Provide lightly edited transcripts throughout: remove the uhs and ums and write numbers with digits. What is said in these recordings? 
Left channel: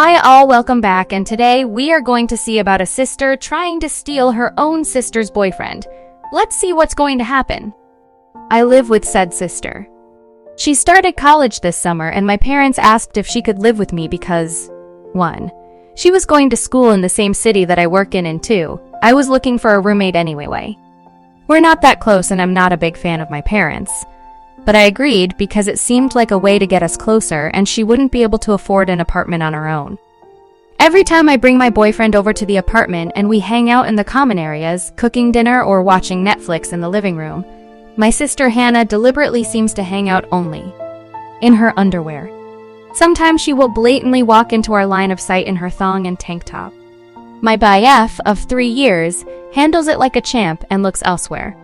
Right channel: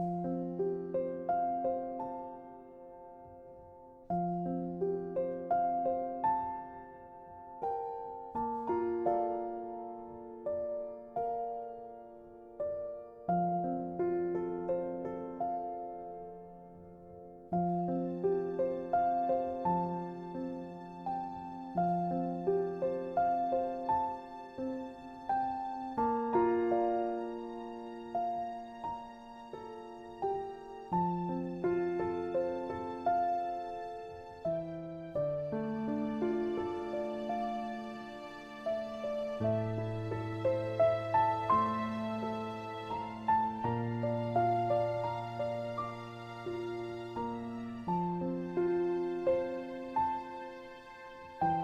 Hi all, welcome back, and today we are going to see about a sister trying to steal her own sister's boyfriend. Let's see what's going to happen. I live with said sister. She started college this summer and my parents asked if she could live with me because 1. She was going to school in the same city that I work in, and 2. I was looking for a roommate anyway. We're not that close and I'm not a big fan of my parents. But I agreed because it seemed like a way to get us closer and she wouldn't be able to afford an apartment on her own. Every time I bring my boyfriend over to the apartment and we hang out in the common areas, cooking dinner or watching Netflix in the living room, my sister Hannah deliberately seems to hang out only in her underwear. Sometimes she will blatantly walk into our line of sight in her thong and tank top. My BF of 3 years handles it like a champ and looks elsewhere.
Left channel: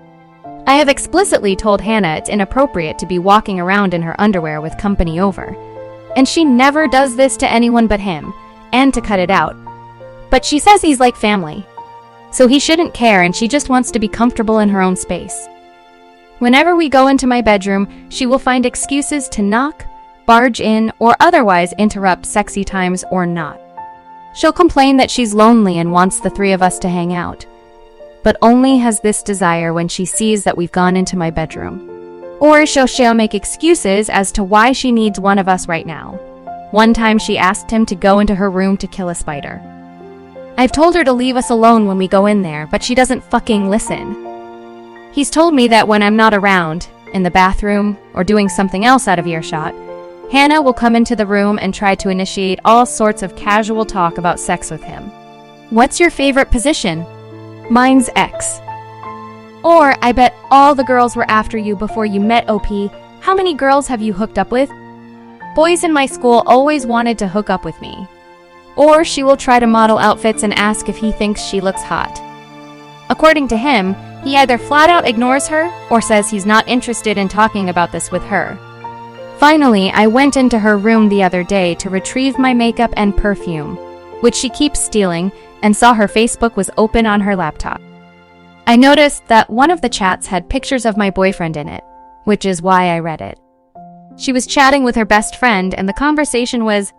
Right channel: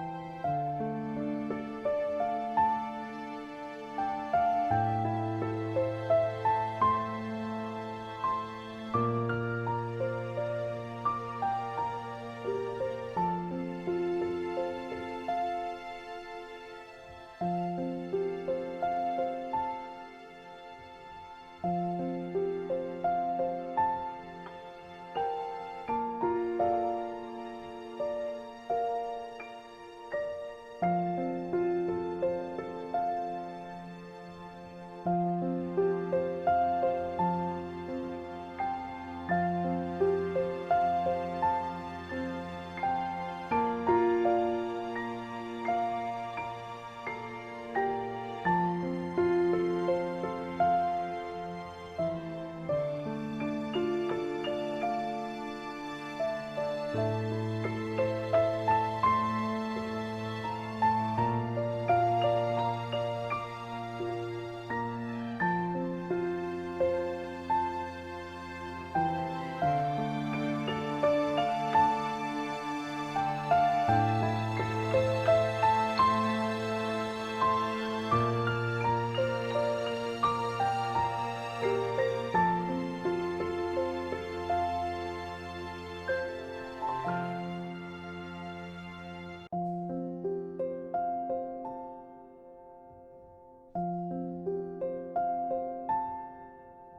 I have explicitly told Hannah it's inappropriate to be walking around in her underwear with company over. And she never does this to anyone but him, and to cut it out. But she says he's like family. So he shouldn't care and she just wants to be comfortable in her own space. Whenever we go into my bedroom, she will find excuses to knock, barge in, or otherwise interrupt sexy times or not. She'll complain that she's lonely and wants the 3 of us to hang out, but only has this desire when she sees that we've gone into my bedroom. Or she'll make excuses as to why she needs one of us right now. One time she asked him to go into her room to kill a spider. I've told her to leave us alone when we go in there, but she doesn't fucking listen. He's told me that when I'm not around, in the bathroom, or doing something else out of earshot, Hannah will come into the room and try to initiate all sorts of casual talk about sex with him. What's your favorite position? Mine's X. Or, I bet all the girls were after you before you met OP. How many girls have you hooked up with? Boys in my school always wanted to hook up with me. Or she will try to model outfits and ask if he thinks she looks hot. According to him, he either flat out ignores her or says he's not interested in talking about this with her. Finally, I went into her room the other day to retrieve my makeup and perfume, which she keeps stealing, and saw her Facebook was open on her laptop. I noticed that one of the chats had pictures of my boyfriend in it, which is why I read it. She was chatting with her best friend and the conversation was,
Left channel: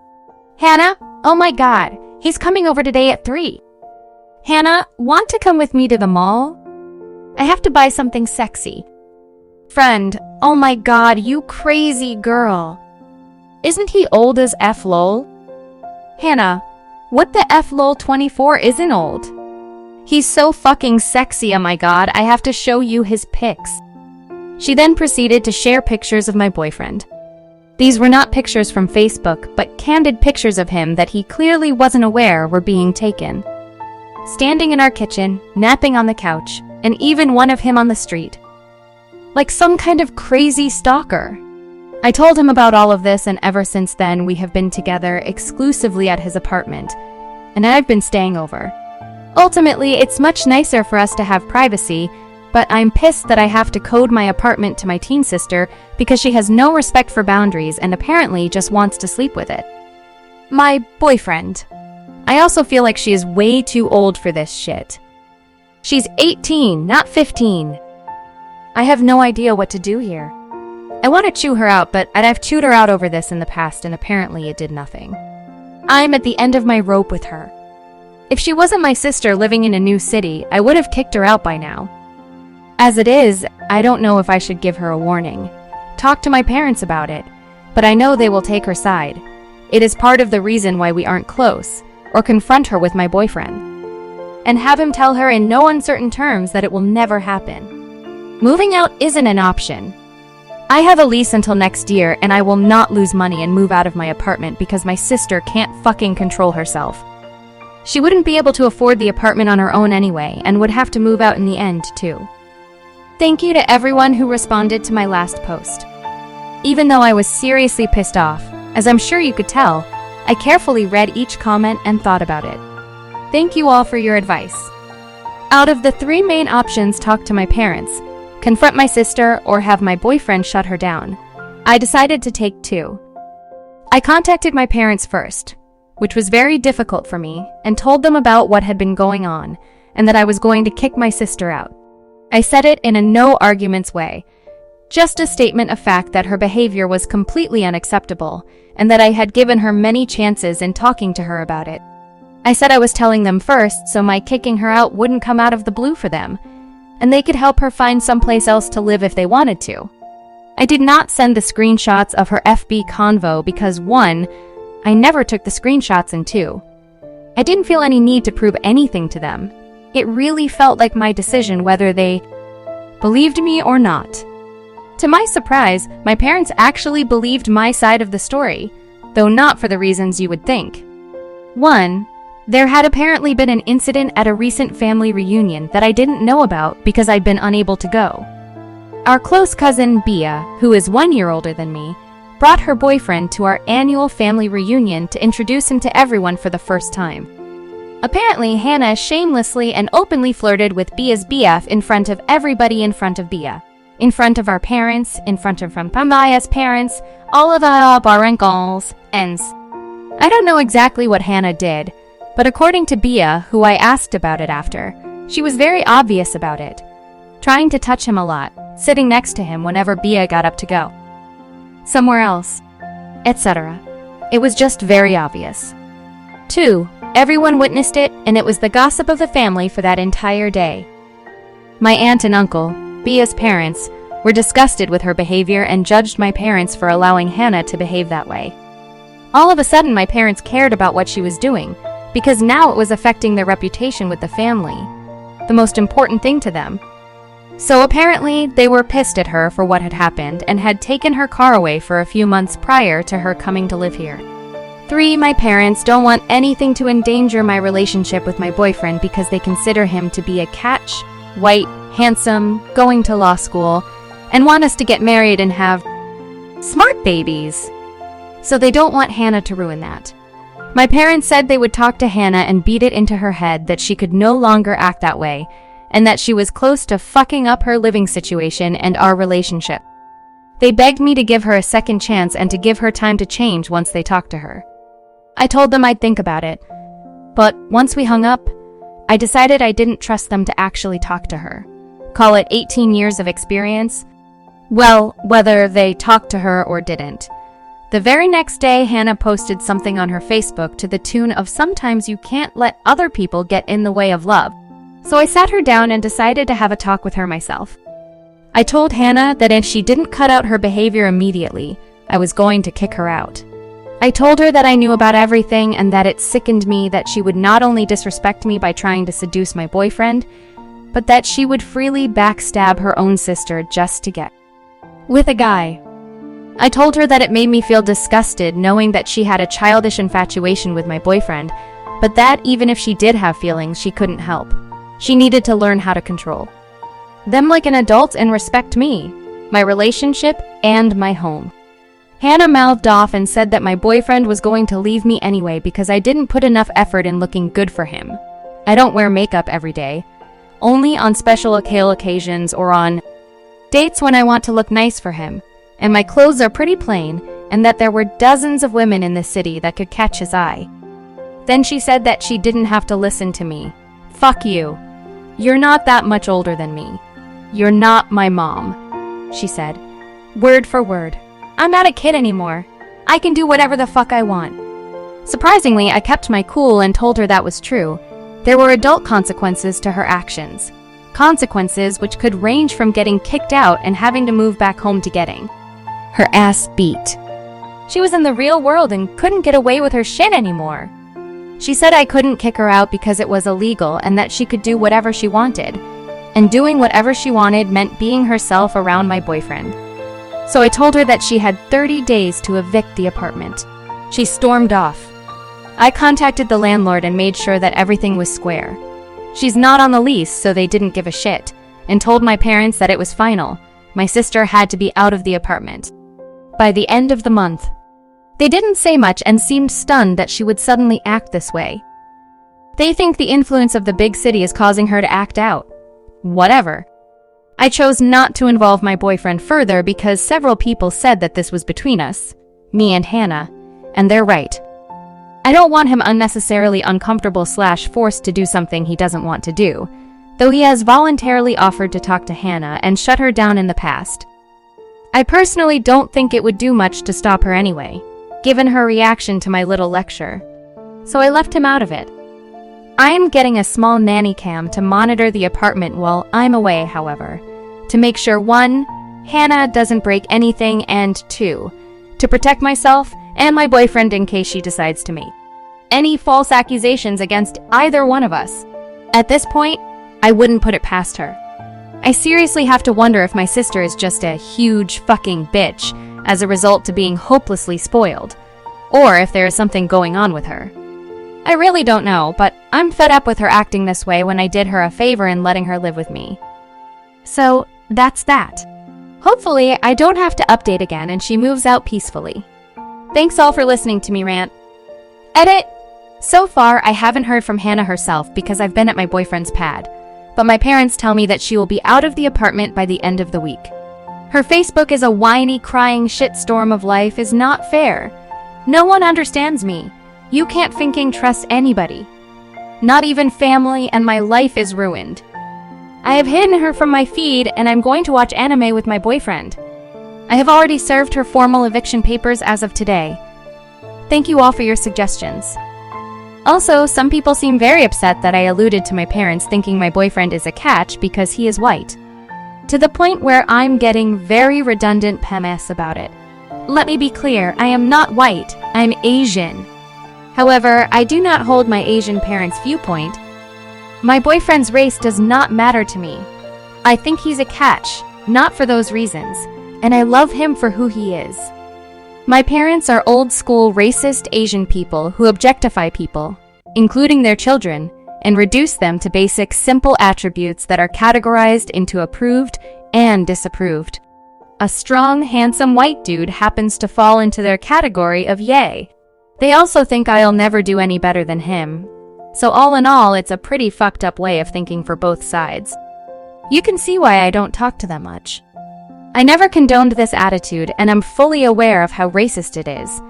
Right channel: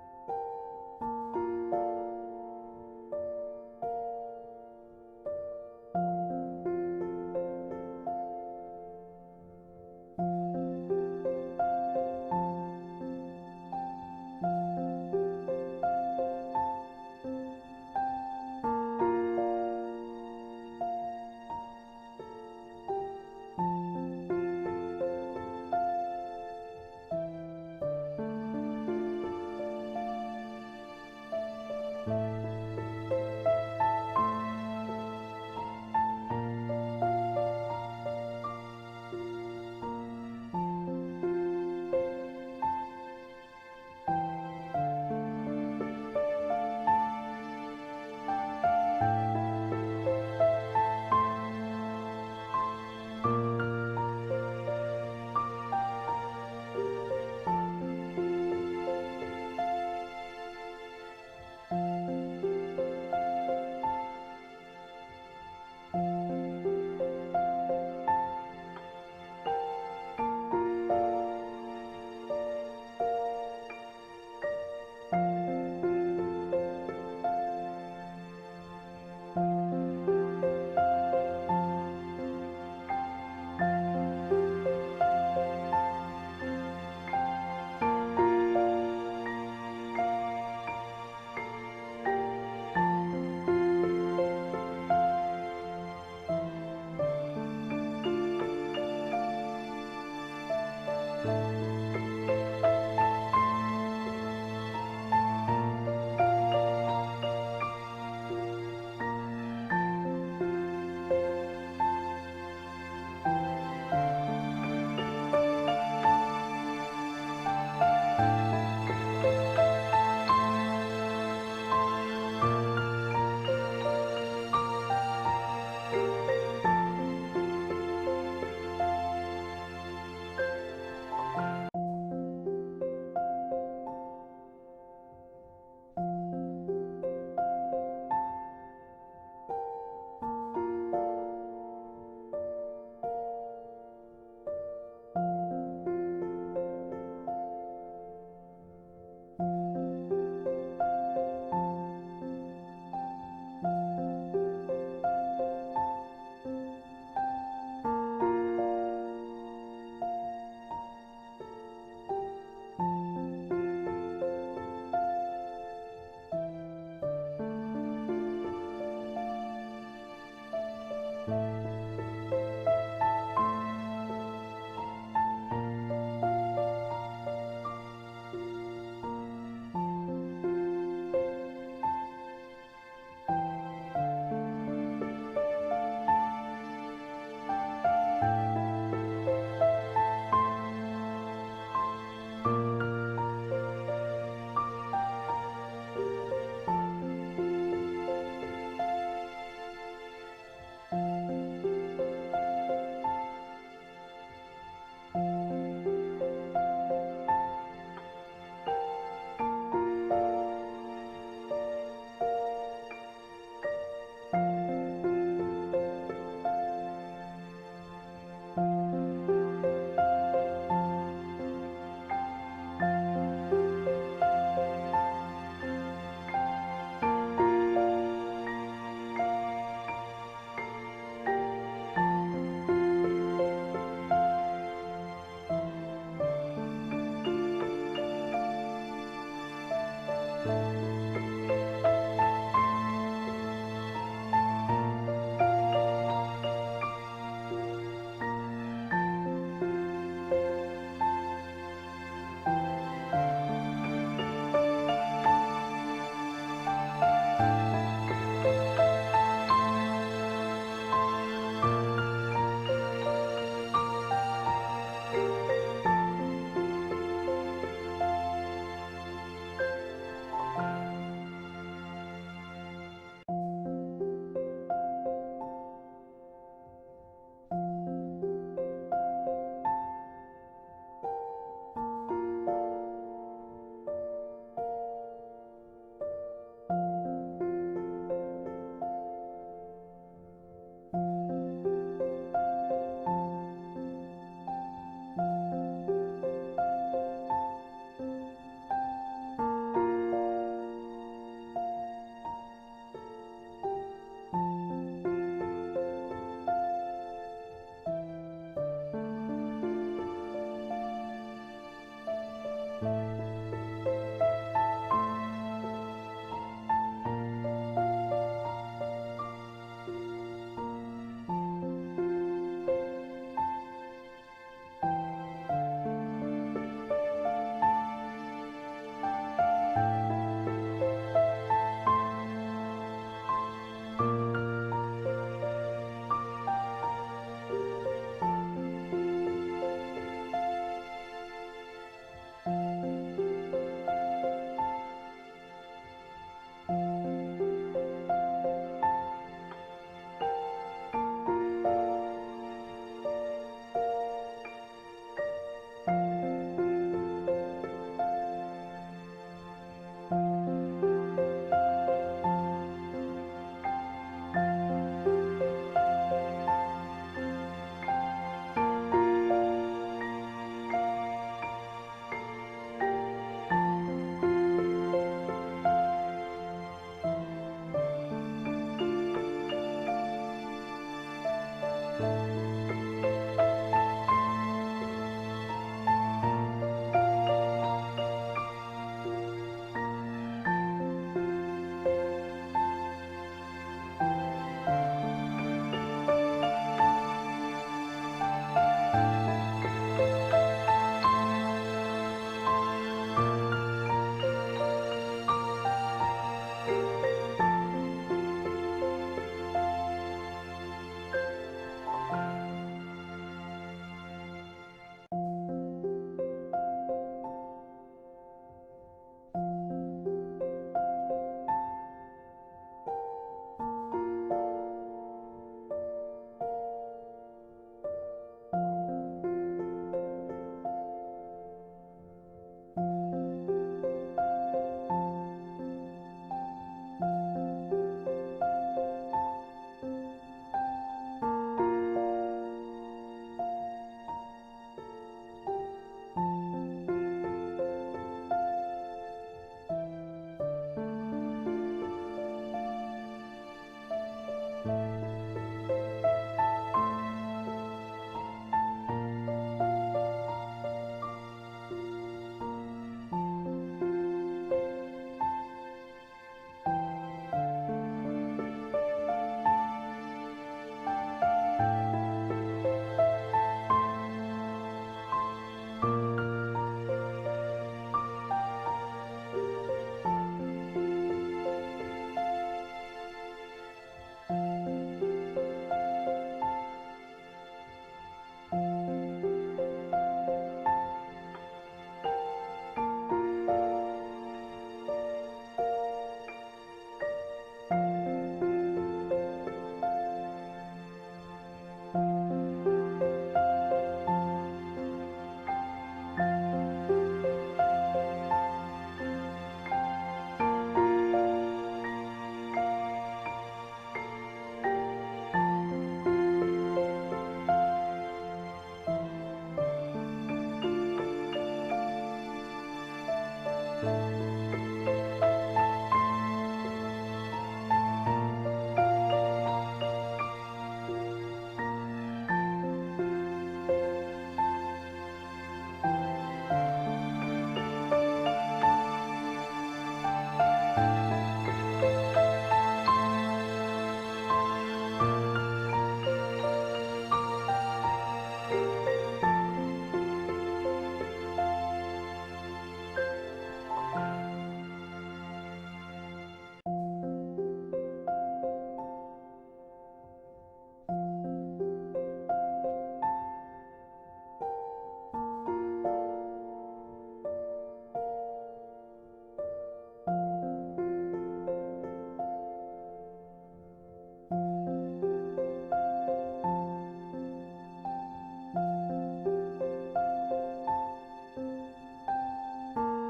"Hannah, oh my god, he's coming over today at 3. Hannah, want to come with me to the mall? I have to buy something sexy. Friend, oh my god, you crazy girl. Isn't he old as F lol? Hannah, what the F lol, 24 isn't old. He's so fucking sexy, oh my god, I have to show you his pics." She then proceeded to share pictures of my boyfriend. These were not pictures from Facebook, but candid pictures of him that he clearly wasn't aware were being taken. Standing in our kitchen, napping on the couch, and even one of him on the street. Like some kind of crazy stalker. I told him about all of this, and ever since then we have been together exclusively at his apartment, and I've been staying over. Ultimately, it's much nicer for us to have privacy, but I'm pissed that I have to code my apartment to my teen sister because she has no respect for boundaries and apparently just wants to sleep with it. My boyfriend. I also feel like she is way too old for this shit. She's 18, not 15. I have no idea what to do here. I want to chew her out, but I've chewed her out over this in the past and apparently it did nothing. I'm at the end of my rope with her. If she wasn't my sister living in a new city, I would have kicked her out by now. As it is, I don't know if I should give her a warning. Talk to my parents about it, but I know they will take her side. It is part of the reason why we aren't close, or confront her with my boyfriend. And have him tell her in no uncertain terms that it will never happen. Moving out isn't an option. I have a lease until next year and I will not lose money and move out of my apartment because my sister can't fucking control herself. She wouldn't be able to afford the apartment on her own anyway and would have to move out in the end too. Thank you to everyone who responded to my last post. Even though I was seriously pissed off, as I'm sure you could tell, I carefully read each comment and thought about it. Thank you all for your advice. Out of the 3 main options, talk to my parents, confront my sister, or have my boyfriend shut her down, I decided to take 2. I contacted my parents first, which was very difficult for me, and told them about what had been going on, and that I was going to kick my sister out. I said it in a no arguments way. Just a statement of fact that her behavior was completely unacceptable, and that I had given her many chances in talking to her about it. I said I was telling them first, so my kicking her out wouldn't come out of the blue for them, and they could help her find someplace else to live if they wanted to. I did not send the screenshots of her FB convo because 1, I never took the screenshots, and 2, I didn't feel any need to prove anything to them. It really felt like my decision whether they believed me or not. To my surprise, my parents actually believed my side of the story, though not for the reasons you would think. 1, there had apparently been an incident at a recent family reunion that I didn't know about because I'd been unable to go. Our close cousin, Bia, who is 1 year older than me, brought her boyfriend to our annual family reunion to introduce him to everyone for the first time. Apparently, Hannah shamelessly and openly flirted with Bia's BF in front of everybody, in front of Bia, in front of our parents, in front of Bia's parents, all of our barangals, and I don't know exactly what Hannah did, but according to Bia, who I asked about it after, she was very obvious about it, trying to touch him a lot, sitting next to him whenever Bia got up to go somewhere else, etc. It was just very obvious. 2, everyone witnessed it, and it was the gossip of the family for that entire day. My aunt and uncle, Bia's parents, were disgusted with her behavior and judged my parents for allowing Hannah to behave that way. All of a sudden, my parents cared about what she was doing, because now it was affecting their reputation with the family, the most important thing to them. So apparently, they were pissed at her for what had happened and had taken her car away for a few months prior to her coming to live here. 3, my parents don't want anything to endanger my relationship with my boyfriend because they consider him to be a catch, white, handsome, going to law school, and want us to get married and have smart babies. So they don't want Hannah to ruin that. My parents said they would talk to Hannah and beat it into her head that she could no longer act that way, and that she was close to fucking up her living situation and our relationship. They begged me to give her a second chance and to give her time to change once they talked to her. I told them I'd think about it, but once we hung up, I decided I didn't trust them to actually talk to her. Call it 18 years of experience? Well, whether they talked to her or didn't. The very next day, Hannah posted something on her Facebook to the tune of "Sometimes you can't let other people get in the way of love." So I sat her down and decided to have a talk with her myself. I told Hannah that if she didn't cut out her behavior immediately, I was going to kick her out. I told her that I knew about everything and that it sickened me that she would not only disrespect me by trying to seduce my boyfriend, but that she would freely backstab her own sister just to get with a guy. I told her that it made me feel disgusted knowing that she had a childish infatuation with my boyfriend, but that even if she did have feelings, she couldn't help. She needed to learn how to control them like an adult and respect me, my relationship, and my home. Hannah mouthed off and said that my boyfriend was going to leave me anyway because I didn't put enough effort in looking good for him. I don't wear makeup every day, only on special occasions or on dates when I want to look nice for him, and my clothes are pretty plain, and that there were dozens of women in this city that could catch his eye. Then she said that she didn't have to listen to me. Fuck you. You're not that much older than me. You're not my mom, she said, word for word. I'm not a kid anymore. I can do whatever the fuck I want. Surprisingly, I kept my cool and told her that was true. There were adult consequences to her actions. Consequences which could range from getting kicked out and having to move back home to getting her ass beat. She was in the real world and couldn't get away with her shit anymore. She said I couldn't kick her out because it was illegal and that she could do whatever she wanted. And doing whatever she wanted meant being herself around my boyfriend. So I told her that she had 30 days to evict the apartment. She stormed off. I contacted the landlord and made sure that everything was square. She's not on the lease, so they didn't give a shit, and told my parents that it was final. My sister had to be out of the apartment by the end of the month. They didn't say much and seemed stunned that she would suddenly act this way. They think the influence of the big city is causing her to act out. Whatever. I chose not to involve my boyfriend further because several people said that this was between us, me and Hannah, and they're right. I don't want him unnecessarily uncomfortable / forced to do something he doesn't want to do, though he has voluntarily offered to talk to Hannah and shut her down in the past. I personally don't think it would do much to stop her anyway, given her reaction to my little lecture. So I left him out of it. I am getting a small nanny cam to monitor the apartment while I'm away, however, to make sure 1, Hannah doesn't break anything, and 2, to protect myself and my boyfriend in case she decides to make any false accusations against either one of us. At this point, I wouldn't put it past her. I seriously have to wonder if my sister is just a huge fucking bitch as a result to being hopelessly spoiled, or if there is something going on with her. I really don't know, but I'm fed up with her acting this way when I did her a favor in letting her live with me. So, that's that. Hopefully, I don't have to update again and she moves out peacefully. Thanks all for listening to me rant. Edit! So far, I haven't heard from Hannah herself because I've been at my boyfriend's pad, but my parents tell me that she will be out of the apartment by the end of the week. Her Facebook is a whiny, crying shitstorm of life is not fair. No one understands me. You can't fucking trust anybody. Not even family, and my life is ruined. I have hidden her from my feed and I'm going to watch anime with my boyfriend. I have already served her formal eviction papers as of today. Thank you all for your suggestions. Also, some people seem very upset that I alluded to my parents thinking my boyfriend is a catch because he is white. To the point where I'm getting very redundant PMS about it. Let me be clear, I am not white, I'm Asian. However, I do not hold my Asian parents' viewpoint. My boyfriend's race does not matter to me. I think he's a catch, not for those reasons, and I love him for who he is. My parents are old-school racist Asian people who objectify people, including their children, and reduce them to basic, simple attributes that are categorized into approved and disapproved. A strong, handsome white dude happens to fall into their category of yay. They also think I'll never do any better than him. So all in all, it's a pretty fucked up way of thinking for both sides. You can see why I don't talk to them much. I never condoned this attitude, and I'm fully aware of how racist it is.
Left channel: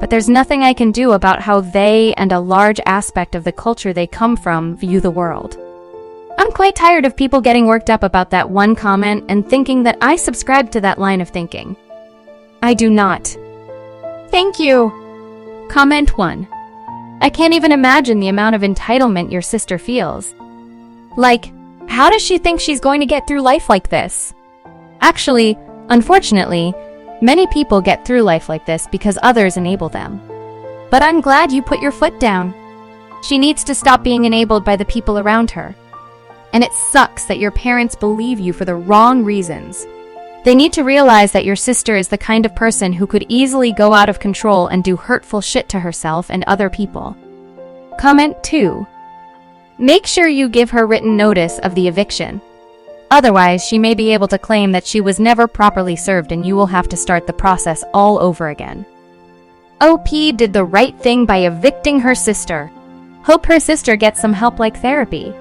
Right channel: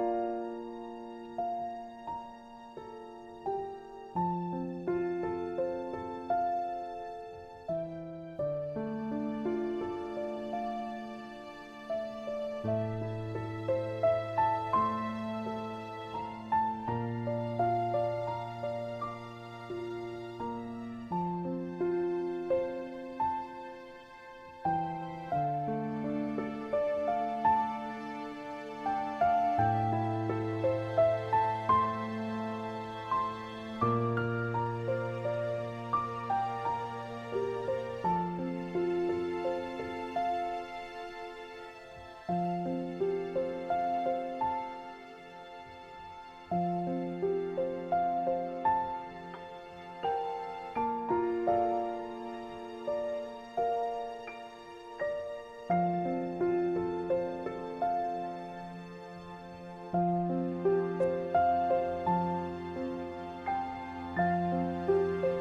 But there's nothing I can do about how they and a large aspect of the culture they come from view the world. I'm quite tired of people getting worked up about that one comment and thinking that I subscribe to that line of thinking. I do not. Thank you. Comment 1. I can't even imagine the amount of entitlement your sister feels. Like, how does she think she's going to get through life like this? Actually, unfortunately, many people get through life like this because others enable them. But I'm glad you put your foot down. She needs to stop being enabled by the people around her. And it sucks that your parents believe you for the wrong reasons. They need to realize that your sister is the kind of person who could easily go out of control and do hurtful shit to herself and other people. Comment 2. Make sure you give her written notice of the eviction. Otherwise, she may be able to claim that she was never properly served and you will have to start the process all over again. OP did the right thing by evicting her sister. Hope her sister gets some help like therapy.